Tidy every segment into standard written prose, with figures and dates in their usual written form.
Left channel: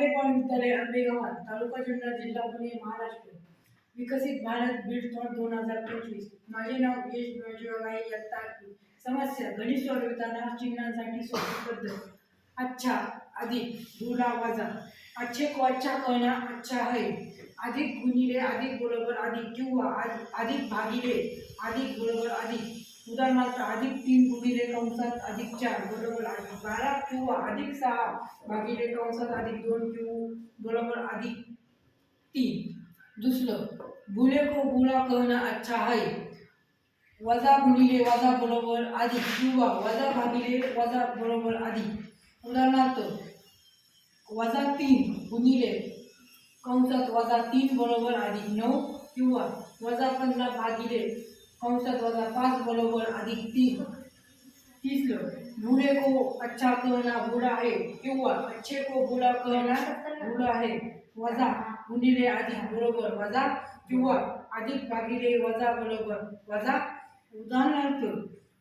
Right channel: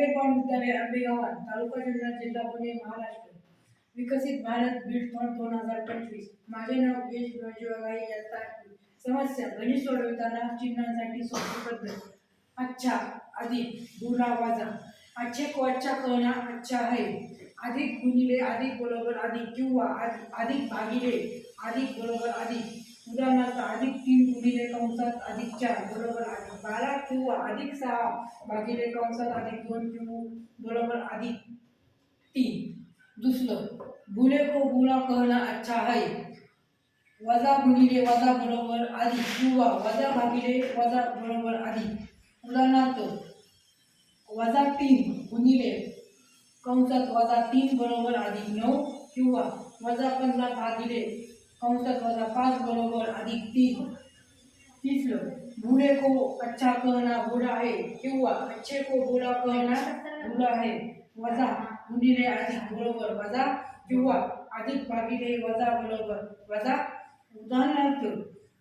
आंबेगाव विद्यालय आंबेगाव तालुका जुन्नर जिल्हा पुणे महाराष्ट्र। विकसित भारत बीड 2025। माझे नाव यश जोगाई इयत्ता 8वी। समस्या गणित सोडवताना चिन्हांसाठी सोपी पद्धत। अच्छा अधिक गुणा वजा। अच्छे को अच्छा कहना अच्छा है। अधिक गुणिले अधिक बरोबर अधिक किंवा अधिक भागिले अधिक बरोबर अधिक। उदाहरणार्थ अधिक 3 गुणिले कंसात अधिक 4 बरोबर अधिक 12 किंवा अधिक 6 भागिले कंसात अधिक 2 बरोबर अधिक 3। दुसरं बुले को बुरा कहना अच्छा है। वजा गुणिले वजा बरोबर अधिक किंवा वजा भागिले वजा बरोबर अधिक। उदाहरणार्थ वजा 3 गुणिले कंसात वजा 3 बरोबर अधिक 9 किंवा वजा 15 भागिले कंसात वजा 5 बरोबर अधिक 3। तीसरं बूढ़े को अच्छा कहना बुरा है किंवा अच्छे को बुरा कहना बुरा है। वजा गुणिले अधिक बरोबर वजा किंवा अधिक भागिले वजा बरोबर वजा। उदाहरणार्थ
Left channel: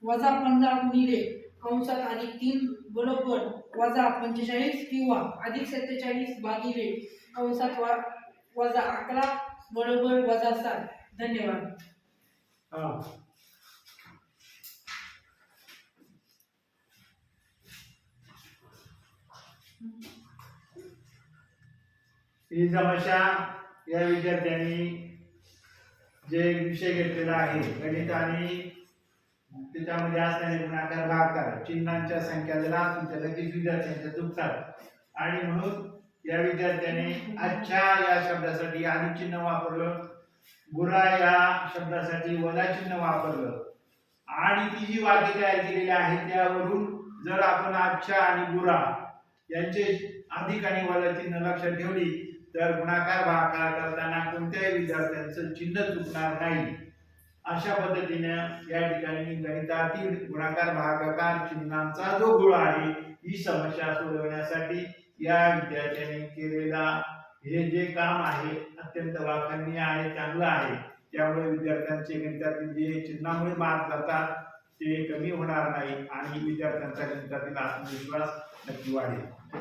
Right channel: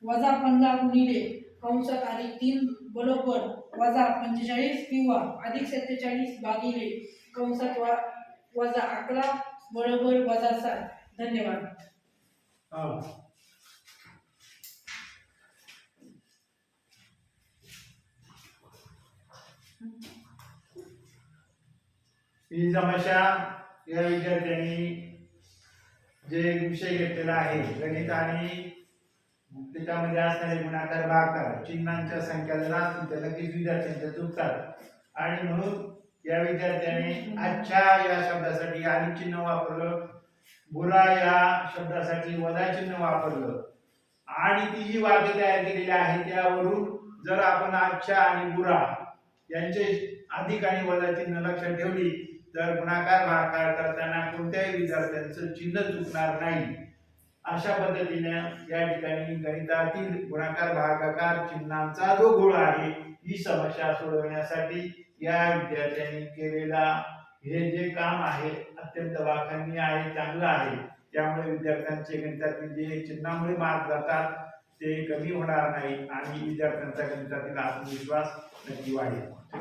वजा 15 गुणिले कंसात अधिक 3 बरोबर वजा 45 किंवा अधिक 47 भागिले कंसात वजा 11 बरोबर वजा 7। धन्यवाद। ही समस्या या विद्यार्थ्यांनी जे विषय घेतलेला आहे गणित आणि त्याच्यामध्ये असणारे गुणाकार भागाकार चिन्हांच्या संख्या जर असतील तर लगेच विद्यार्थ्यांच्या चुकतात आणि म्हणून या विद्यार्थ्याने अच्छा या शब्दासाठी अधिक चिन्ह वापरलं, बुरा या शब्दासाठी वजा चिन्ह वापरलं आणि ती जी वाक्य तयार केलेली आहे त्यावरून जर आपण अच्छा आणि बुरा यांचे अधिक आणि वजा चिन्ह लक्षात ठेवली तर गुणाकार भागाकार करताना कोणत्याही विद्यार्थ्यांचं चिन्ह चुकणार नाही। अशा पद्धतीने या ठिकाणी गणितातील गुणाकार भागाकार चिन्हांचा जो गोळ आहे ही समस्या सोडवण्यासाठी या विद्यार्थ्यांनी केलेला हे जे काम आहे अत्यंत वाखाणनीय आहे, चांगलं आहे। त्यामुळे विद्यार्थ्यांचे गणितातील जे चिन्हामुळे मार्क जातात ते कमी होणार नाही आणि विद्यार्थ्यांचा गणितातील आत्मविश्वास नक्की वाढेल।